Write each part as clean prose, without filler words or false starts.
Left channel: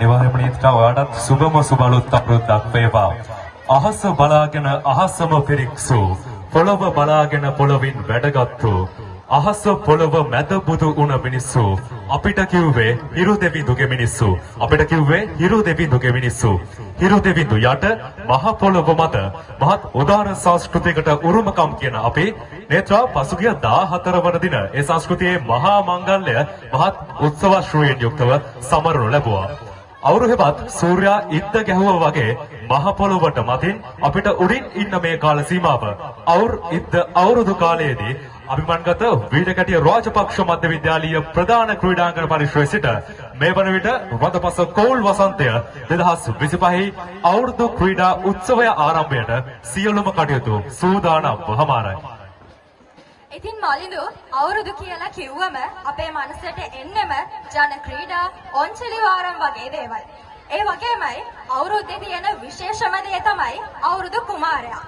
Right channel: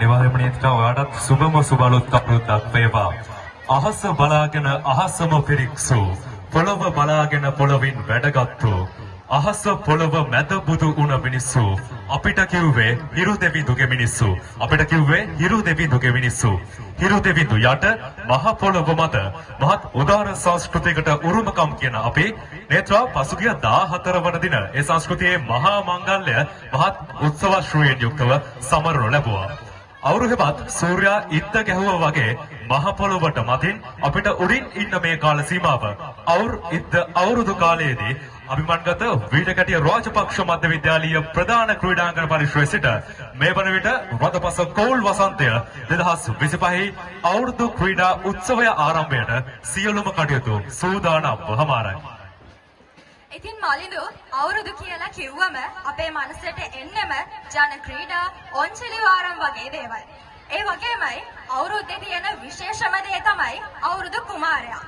අනිවාර්යයෙන්ම නියුත්කා ඔයාලට සුබම සුබලුත් අපරුද්දක් වේවා. අහස බලාගෙන අහසම පිරික්සූ පොළව බලාගෙන පොළවින් වැඩගත්තු අහස පොළව මැද බුදු උණ මිනිස්සු අපිට කිව්වේ හිරු දෙවිඳුගේ මිනිස්සු අපිට කිව්වේ හිරු දෙවිඳුගේ මිනිස්සු හිරු දෙවිඳු යට මහ පොළව මත මහත් උදාර සංස්කෘතියකට උරුමකම් කියන අපි නේත්‍රා පසුගිය 14 වන දින ඒ සංස්කෘතියේ මහා මංගල්‍ය මහත් උත්සවශ්‍රීයෙන් යුක්තව සමරනු ලැබුවා. අවුරුහෙවත් සූර්යා ඉද්ද ගැහුවා වගේ මහ පොළොවට මතින් අපිට උඩින් ඉන්න මේ කාල සීමාව අවුරුදු කාලයේදී අභිමන්ගත වීරකැටිය රාජපක්ෂ මධ්‍ය විද්‍යාලීය ප්‍රධාන ක්‍රීඩාංගන පරිශ්‍රයේ සිට මේ වන විට රදපස කෝල් වසන්තය 2025 අවුරුදු ක්‍රීඩා උත්සවය ආරම්භයට සියලුම කටයුතු සූදානම්ව හමාරයි. ඉතින් මලිඳු අවුරුදු කියලා කිව්වම අපේ මනසට එන්නම ජන ක්‍රීඩා ඔන්චලි වාරම් වගේ දේවල්. ඒ වගේමයි අවුරුද්දේ තියෙන විශේෂම දේ තමයි අවුරුදු කුමාරයා.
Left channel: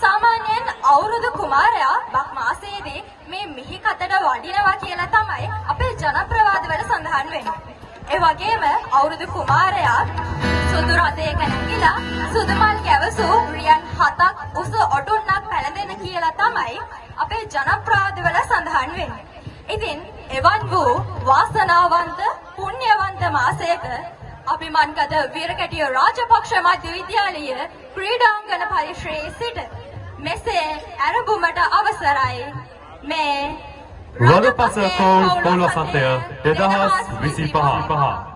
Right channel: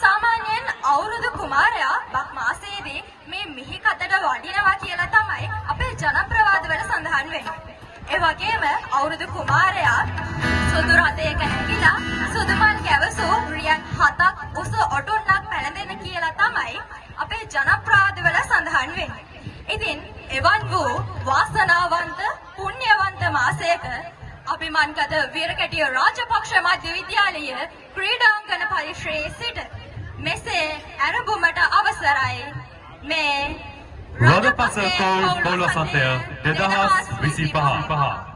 සාමාන්‍යයෙන් අවුරුදු කුමාරයා බක් මාසයේදී මේ මිහි කතට වඩිනවා කියලා තමයි අපේ ජනප්‍රවාදවල සඳහන් වෙන්නේ. ඒ වගේම අවුරුදු කුමාරයා සුදු රථයක නැගිලා සුදු මල් ගැවසූ රියන් 7ක් උස ඔටුන්නක් පැලඳෙන කියලා තමයි අපේ ජනප්‍රවාදවල සඳහන් වෙන්නේ. ඉතින් එවන් වූ වාසනාවන්ත පුණ්‍යවන්ත මාසයක අභිමන්ගත වීරකැටිය රාජපක්ෂ මධ්‍ය විද්‍යාලීය ක්‍රීඩාංගන පරිශ්‍රයේ සිට මෙසේ ආරම්භමට අවසරයි. මේ රදපස කෝල් පොළොසතය 2025